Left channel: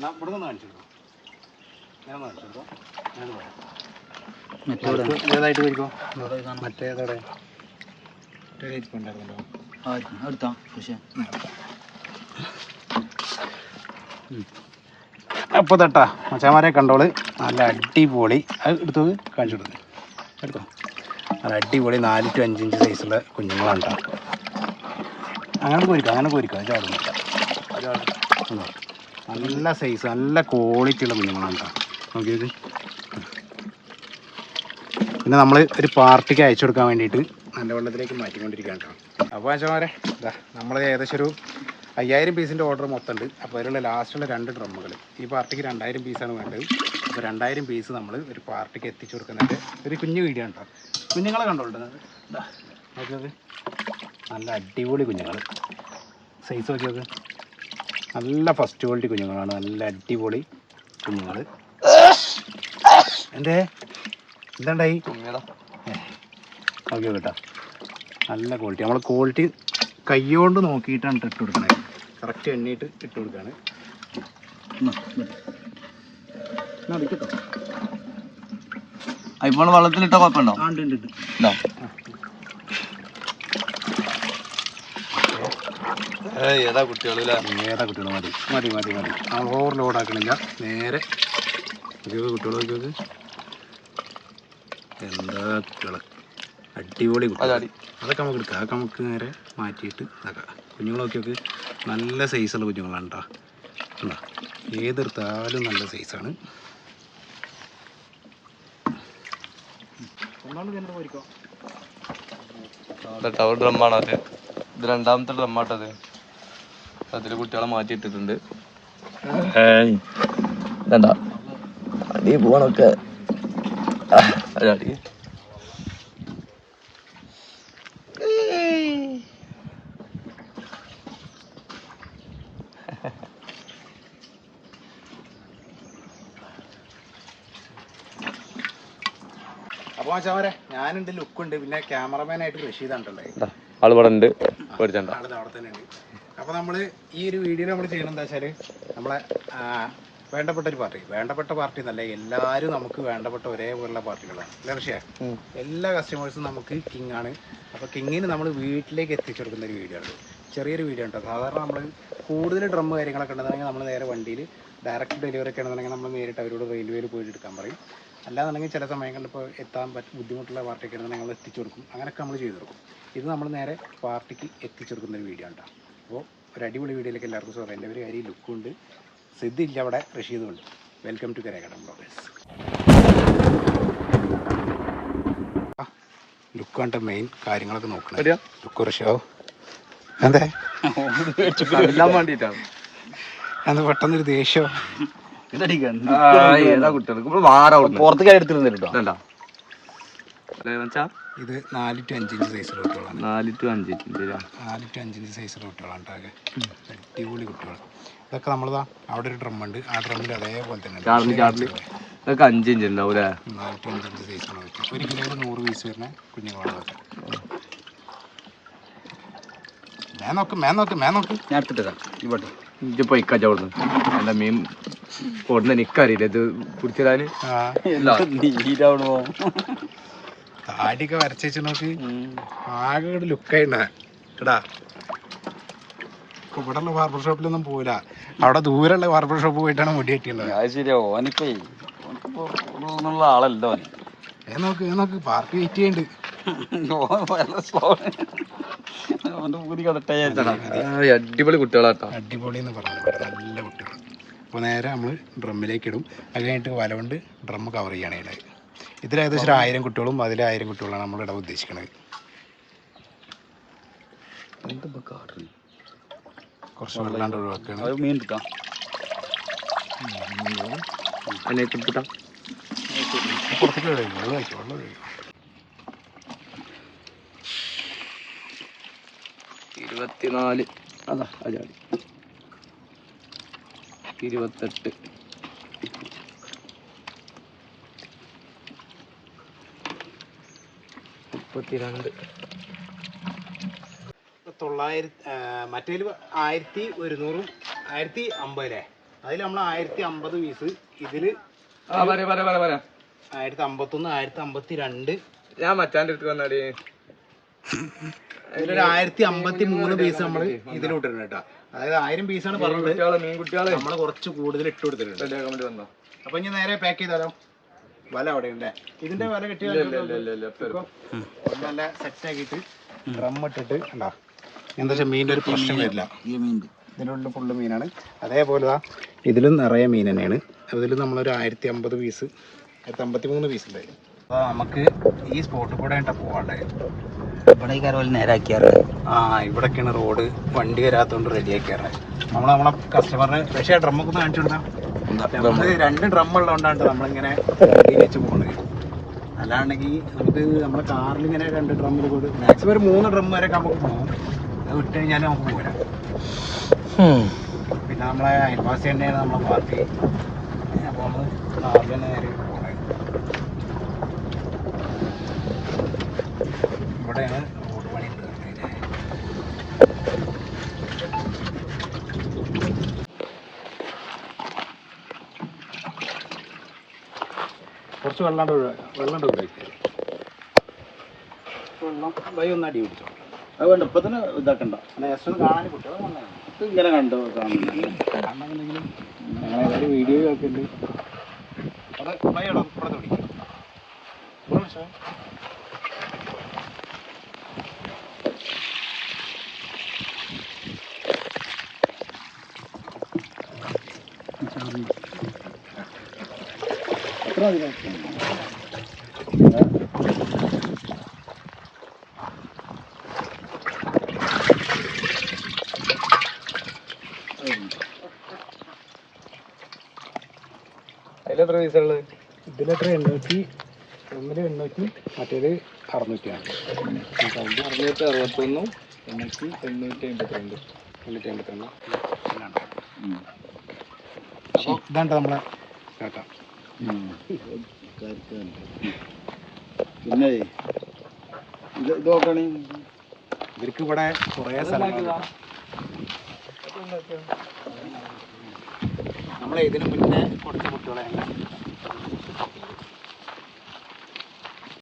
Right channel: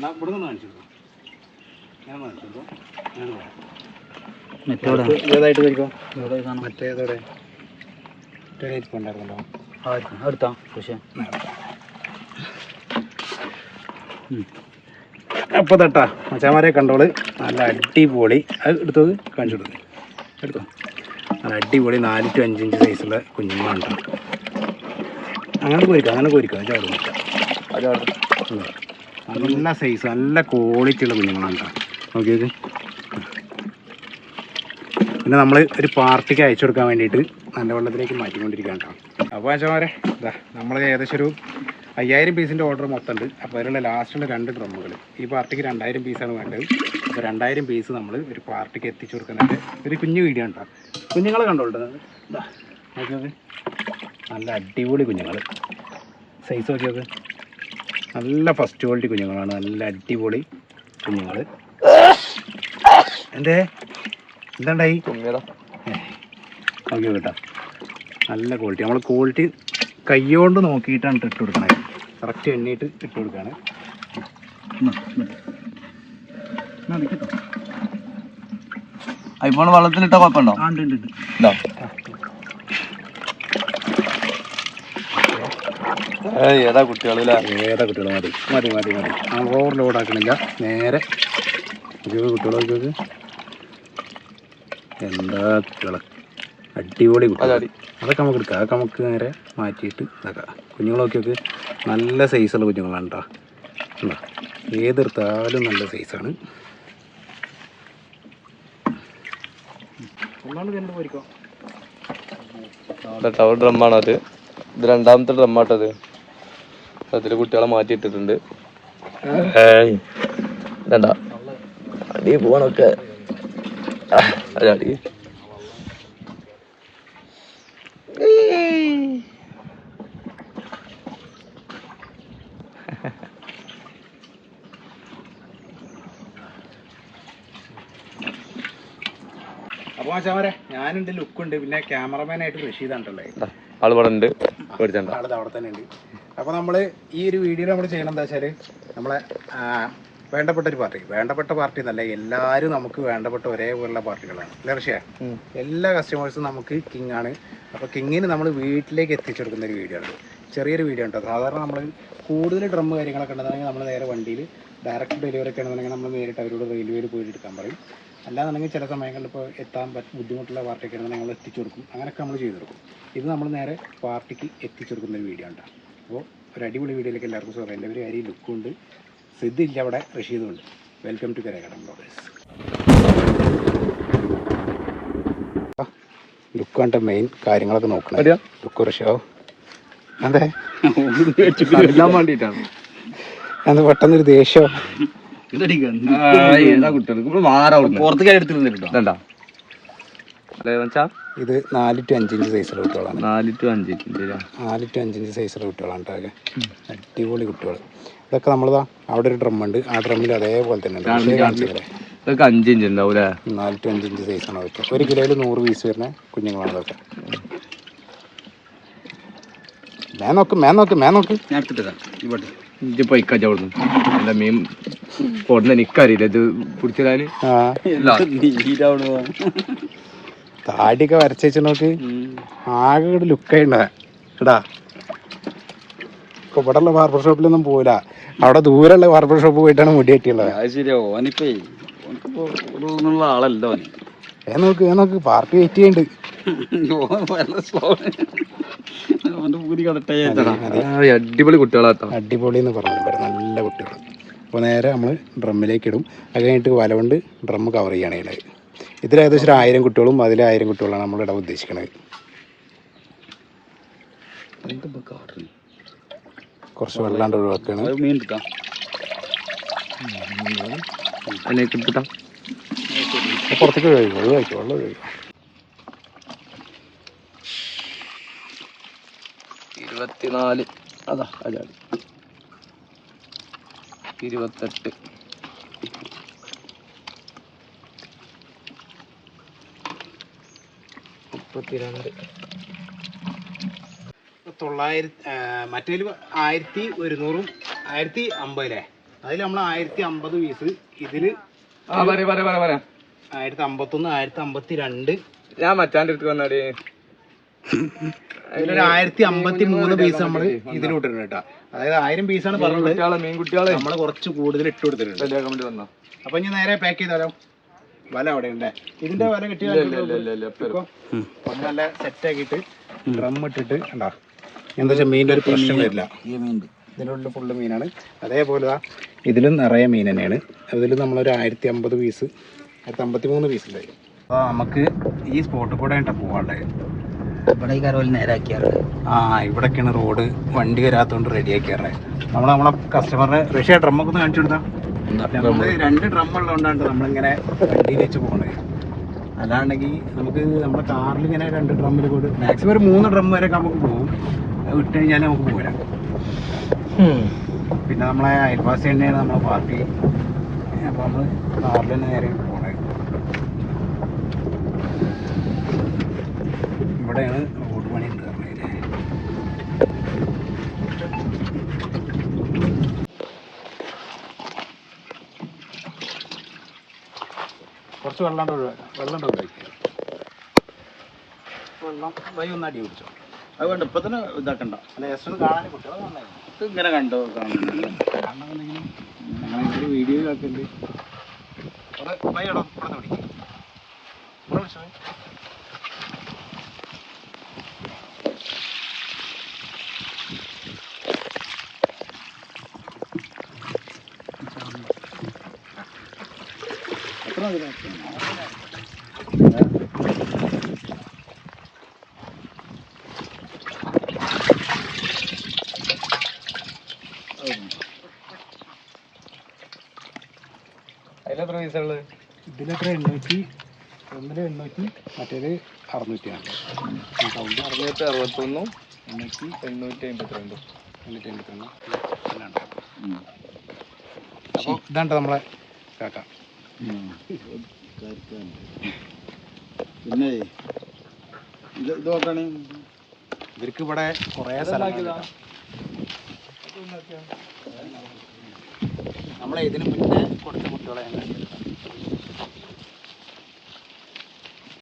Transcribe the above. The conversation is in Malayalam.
എന്നാ ഇവിടെ നിന്ന് കാണിച്ചു കൊടുക്കും. ഞാൻ കാണിച്ചു കൊടുക്കും. ഞാൻ പറയാം മറ്റോടെ ഏതായിട്ട് വരിക്കും ഇവിടെ കാണാം. മറ്റേതോടെ മറ്റേ ഉണ്ടായിരുന്നല്ലോ അടുത്താ പക്ഷേ അപ്പോൾ തട്ടാ മച്ചാമാരെ കണ്ടോൾ. നല്ല അടിപൊളി. അത് എടുത്തത് കാണിച്ചു കൊടുക്കും. എടുക്കാം നല്ല അടിപൊളി നാല് ടു അഞ്ച് ഇഞ്ച് സൈസുള്ള കുഞ്ഞുങ്ങളുണ്ടാവും. അങ്ങനെ കോരിക്കാം അങ്ങനെ കോരിക്കാം ചാടും. നല്ല സൈസ് നല്ല ക്വാളിറ്റി ഉള്ള കുഞ്ഞുങ്ങളാണ് കേട്ടോ. നോക്കിയത് പിന്നെ നമ്മൾ ഒരു പാർട്ടിക്ക് അയച്ചു കൊടുക്കാൻ വേണ്ടിയിട്ട് നല്ല വെള്ളത്തിലേക്ക് മാറ്റിക്കൊണ്ടിരിക്കുകയാണ് കേട്ടോ. അപ്പോൾ അച്ഛന്മാരെ ഇതാ നമ്മൾ ഏകദേശം ഒരു അയ്യായിരം പീസിന്റെ ഓർഡർ മൊത്തം ഉണ്ട്. അപ്പോൾ അതിലുള്ള ലാസ്റ്റുള്ള രണ്ട് ഡ്രമ്മുകൾ ഈ പാർട്ടിക്ക് രണ്ടായിരം പീസാണ് വേണ്ടത്. അപ്പോൾ രണ്ടായിരം പീസ് നമ്മൾ ഒരു പാർട്ടിക്ക് എത്തിച്ചു കൊടുക്കുന്നതിന്റെ ഒരു കുഞ്ഞു വീഡിയോ ഉണ്ടോ കുഞ്ഞുങ്ങളെ കണ്ടോളൂ നോക്കിയത് നല്ല അടിപൊളി കുഞ്ഞുങ്ങൾ സൈസ് നോക്കി നോക്ക് നല്ല ഫസ്റ്റ് ക്വാളിറ്റി കുഞ്ഞുങ്ങളാണ്. നല്ല അടിപൊളി കുഞ്ഞുങ്ങൾ എന്തേ? എന്താണ്ടായി? നോക്കി കേട്ടോ നല്ല ക്വാളിറ്റി നമ്മൾ ക്വാളിറ്റി കൈകൊണ്ട് നോക്കിയിട്ടാണ് ഇട്ട് കൊടുക്കണേ. കറക്റ്റ് എണ്ണീട്ട് ഇട്ട് കൊടുക്കുകയാണ് ഇപ്പോൾ വെള്ളത്തിലിട്ട കുഴപ്പമുണ്ടോ? ആ ഉണ്ട് ഉണ്ട് ഉണ്ട് ഇല്ല ഏതാ കുട്ടികളല്ലേ ഏതാ കുട്ടികൾ മതി മതി മതി മതി. നമ്മൾ ഓവർ ലോഡ് ആക്കണില്ല. നേരെ. കുട്ടികൾ നോക്കിയോക്ക് എന്താ കുട്ടികൾ അടിപൊളി കുട്ടികൾ അതൊക്കെ നമുക്ക് എടുക്കാം. അതൊക്കെ നമുക്ക് നേരെ മാറ്റിയിട്ട് ഇതാക്കാം. കുഞ്ഞുങ്ങൾ ഒക്കെ നല്ല സൈസുള്ള കുഞ്ഞുങ്ങളാണ് കേട്ടോ ഉണ്ടോ? ഏതെടുത്താലും നല്ല സൈസാണ് ഡ്രമ്മാണോ ഇത് രണ്ടാമത്തെ ഡ്രമ്മാട്ടത് അതിൽ കുട്ടികളെ മാറ്റിയിട്ടിട്ടുണ്ട്. വേണ്ട. അടി പോണൊക്കെ അടി അപ്പോൾ മച്ചാമരെ ഞാനുണ്ട് ലുക്കുണ്ട് പിന്നെ ക്യാമറമാനായിട്ട് ആൾ ഉണ്ട് പേടിച്ചണ്ട. ആളത് അവിടെ തന്നെ ഉണ്ട് അപ്പോൾ നമ്മൾ ഈ ഒരു വീഡിയോ നമ്മൾ ചെയ്യണം എന്താ വെച്ചാൽ നമ്മളെ വേണ്ടപ്പെട്ട ഒരു പാർട്ടി. വേണ്ടപ്പെട്ട പാർട്ടി എന്നല്ല എല്ലാവരും നമുക്ക് വേണ്ടപ്പെട്ട ഒരേപോലുള്ള പാർട്ടികളാണ്. അല്ലേ ഋഷിയ എല്ലാ കസ്റ്റമേഴ്സും നമുക്ക് കിങ് ആണ്. അപ്പോൾ കിങ്ങിന് നമ്മൾ വീട്ടിലേക്ക് എത്തിച്ചു കൊടുക്കുന്ന ഒരു വീഡിയോ ആണ്. ചെറിയൊരു വീഡിയോ ഉണ്ട് സാധാരണ നമ്മൾ കൂടുതൽ ഡ്രം കാര്യങ്ങളൊക്കെ ഉണ്ടെന്നുണ്ടെങ്കിൽ നമ്മൾ നേരെ വണ്ടിയിൽ ഡയറക്റ്റ് ഡെലിവറി ഒക്കെ ആണെന്നുണ്ടെങ്കിൽ നമ്മൾ നേരിട്ട് അവരോട് റെയിൽവേയിൽ പോയിട്ട് എടുക്കാൻ പറയും. അല്ലാന്നുണ്ടെങ്കിൽ ചില സമയങ്ങളിൽ ഇപ്പോൾ എത്താൻ പറ്റും ബുദ്ധിമുട്ടുള്ള പാർട്ടിയൊക്കെ ആണെന്നുണ്ടെങ്കിൽ നമ്മൾ എത്തിച്ചു കൊടുക്കും. അങ്ങനെയൊക്കെ നമ്മൾ ചെയ്തു കൊടുക്കും. ഇത് നമ്മൾ നേരെ പാർട്ടിക്ക് എത്തിച്ചു കൊടുക്കുന്ന ഒരു വീഡിയോ ആണ് അപ്പോൾ ഒരു അടിപൊളി വീഡിയോയിലേക്ക് എല്ലാവർക്കും സ്വാഗതം. എന്റെ പേര് കാര്യം ലുക്കുണ്ട്. സിദ്ധില്ല അവിടെ റഷീദും ഉണ്ട് വെൽക്കം ടു കരകടം ബ്ലോഗേഴ്സ് ലുക്കാണ്ട മെയിൻ കാര്യങ്ങളൊക്കെ നോക്കണം. ലുക്ക് റഷീദോ എന്താ? അറിയാൻ വേണ്ടിട്ടാണ്. എന്താ പെട്ടെന്നൊരു ദേഷ്യം? പുറത്തേക്ക് എടുത്തിരുന്നില്ല ഇത് നാല് ടു അഞ്ച് ഇഞ്ച് സൈസുള്ള കുട്ടികളാണ്. നാല് ടു അഞ്ച് ഇഞ്ച് നാല് ടു അഞ്ച് ഇഞ്ച് സൈസുള്ള കുട്ടികളാണ് കേട്ടോ അതൊക്കെ അടിപൊളി കുട്ടികൾ ഇതൊക്കെ നമ്മളിതാ അവിടെ ഒരു ഡ്രം ഉണ്ട്. ആ ഡ്രമ്മിൽ അതേപോലെ തന്നെ ഇത്? ഇതൊക്കെ അഞ്ച് ഇഞ്ച് ഉണ്ടാവും അല്ലേ? നാല് ടു അഞ്ച് ഇഞ്ച് സൈസാണ് അതൊക്കെ. ഒരു കിലോയിൽ നൂറ് പീസ് വരുന്ന കുഞ്ഞുങ്ങളാണ് അതൊക്കെ. മേ നോക്ക് മേ നോക്ക് മേ നോക്ക്. ഇഞ്ച് പൊയ്ക്കാച്ച അവിടുന്ന്. എന്റെ മീൻ കൊടുന്ന എനിക്കറിയില്ല. ഇത് പിടിച്ചിടാന്? ആ. താടിയൊക്കെ വരച്ചു നോക്ക്. ആകെ ഒരു ലുക്ക് എടാ. ഇവിടെ ഉള്ള ബാർബർ ഷോപ്പിലൊന്നും പോവില്ല. അവിടെ ദൂരെയുള്ള ബാർബർ ഷോപ്പ് പോയിട്ടാണ് മുടി കെട്ടിയുള്ളത് ശരിയാ. ഓനിപ്പേ ആളല്ല ഏ നോക്ക് ഏ നോക്ക്. പാർട്ടി വെയിറ്റ് ചെയ്യുന്നുണ്ട് അടിപൊളി കുട്ടികളാട്ടോ. അടിപൊളി എന്ന് പറഞ്ഞു ഇവിടെ നല്ല കുട്ടികൾ അപ്പോൾ നേരെ നമ്മൾ ഡ്രമ്മിലേക്ക് ഇടും. അത് കഴിഞ്ഞിട്ട് വല കൊണ്ട് ഡ്രം കവർ ചെയ്യണേ ഇതിൽ ഏകദേശം ഒരു ആയിരം കുട്ടികളും അതിൽ ആയിരം കുട്ടികളാണ് നമ്മൾ ഇടാൻ ഉദ്ദേശിക്കുന്നത് കുറച്ച് വെള്ളാണ്ട് ഒഴിവാക്കുകയാണ് മീൻ കിട്ടാം പുറത്തേക്ക് ഒഴിവാക്കും ഒഴിവാക്കും വെള്ളം ഒഴിവാക്കും. ഇരുപത്തിനാല്. അതാ അജാടി ഇരുപത്തെട്ട്. മുപ്പത്തിരണ്ട് തൊള്ളായിരത്തി മറ്റേ ആയിരത്തി ഒരുന്നൂറും ആയിരത്തി അമ്പതിലേ? അതിൽ നമ്മൾ ആയിരത്തി അമ്പത് പീസ് ഇതിൽ ആയിരത്തി അമ്പത്തൊന്ന് ആയിരത്തി അമ്പത്തി രണ്ട് ഞാൻ മച്ചാന്റെ അടുത്ത് വന്നാടി. അതിലൊരു ആയിരത്തി അമ്പത്തി മൂന്ന് പീസ് നമ്മൾ ഇതിലിട്ടിട്ടുണ്ട് കേട്ടോ. അതായത് ആയിരം പീസാണ് പറഞ്ഞത്. കുട്ടികളെ മീൻ കുട്ടികളെ നമ്മൾ കുറച്ച് കൂടുതൽ ഇട്ട് കൊടുത്തിട്ടുണ്ട്. കമന്റ് വന്നോ. അപ്പൊ ഇനി നേരെ പാക്ക് ചെയ്താലോ? വല അവിടെ ഉണ്ട് ഇതിന്റെ വല കെട്ടി ഇല്ല ഇല്ല ഇല്ല ഇപ്പൊ ഒന്ന് നല്ല സെറ്റ് ആക്കിയിട്ട് ഡ്രം ഇട്ടിട്ട് ഉണ്ടാ എന്താ വെച്ചാൽ മീനിന്റെ ഒരു പ്രശ്നം വരില്ല. ഇതിലുള്ള ഫുള്ള് മീനാണ്. അതേപോലെ ഇതിലും നിറയെ മീൻ തന്നെയാണ്. അതിൽ നമ്മളൊരു ആയിരത്തി അമ്പത് പീസ് ആയിരത്തി അമ്പത്തി മൂന്ന് പീസ് ഉണ്ടായിരുന്നു അപ്പോൾ നമുക്ക് ഈ സ്പോട്ടിൽ കൂടെ ആയിട്ടാണ് പോവാണ്ടേ ഇവിടെ ഈ കരവൽ നേരാക്കിയാറ് ആ ഇവിടെയൊക്കെയാണ് റോഡ് വണ്ടി വരാത്തതുകൊണ്ട് റെഡിയാക്കിയാറ് നമ്മൾ നമ്മളെ കസ്റ്റമറിന് പക്ഷേ ഡ്രമ്മൊക്കെ ഒന്ന് കാണിച്ചു കൊടുത്താൽ രണ്ട് ഡ്രം ഉള്ളതുകൊണ്ടാണ് നമ്മളിങ്ങനെ വണ്ടിയിൽ വെച്ച് പോകുന്നത് അതാണെങ്കിൽ നമുക്ക് നമ്മുടെ കാറിൽ ഇങ്ങനെ രണ്ട് ഡ്രം മാക്സിമം ഒരു മൂന്ന് ഡ്രം വരെ നമുക്ക് പോകും അത് വിട്ട് കഴിഞ്ഞാൽ നമുക്ക് പോരാം. പിന്നെ നമ്മളെ അയൽവാസി തന്നെയാണ് നമ്മളെ പാർട്ടി. അപ്പോൾ നമ്മൾ കാറിൽ തന്നെ നേരെ പോകണേ ഇവിടെയാണ് റോഡ് പണി ഉണ്ട് കുറച്ച് വെള്ളം ഒഴിവാക്കാം വെള്ളം ഒഴിവാക്കി. വെള്ളം വൈ ഒന്ന് അടി പിടിച്ചോ. അതുകൊണ്ട് ഇപ്പൊ തന്നെ ഇതാക്കണ്ട. കാണാൻ കുട്ടികൾ ഇങ്ങനെ കണ്ടോ? കാണുന്നുണ്ടെങ്കിലും വീഡിയോ ഒക്കെ ഉണ്ട് അത് വൈ ഇടം പിടിക്കാം. പിടിച്ചോ. പൈസ ഉള്ളത് ഇതിലെത്ര എണ്ണൂറ്റി ഒന്നിൽ എണ്ണൂറ്റി മറ്റേത് അറുന്നൂറ്റിയാണ്. അറുന്നൂറ്റി ഒന്ന് എണ്ണൂറ്റി എണ്ണൂറ്റി അമ്പത്തിരണ്ട്. എണ്ണൂറ്റി എൺപത്തിരണ്ട് അപ്പോൾ ഇതാണ് നമ്മളെ കാക്ക. പിന്നെ ഇത് നോക്കണേ. ഇവർക്ക് ഇവിടെ കുറേ സ്ഥലങ്ങളുണ്ട്. നമ്മളെ ഇതിനു മുന്നേ കൊടുത്ത കുട്ടികളെ ഞങ്ങൾ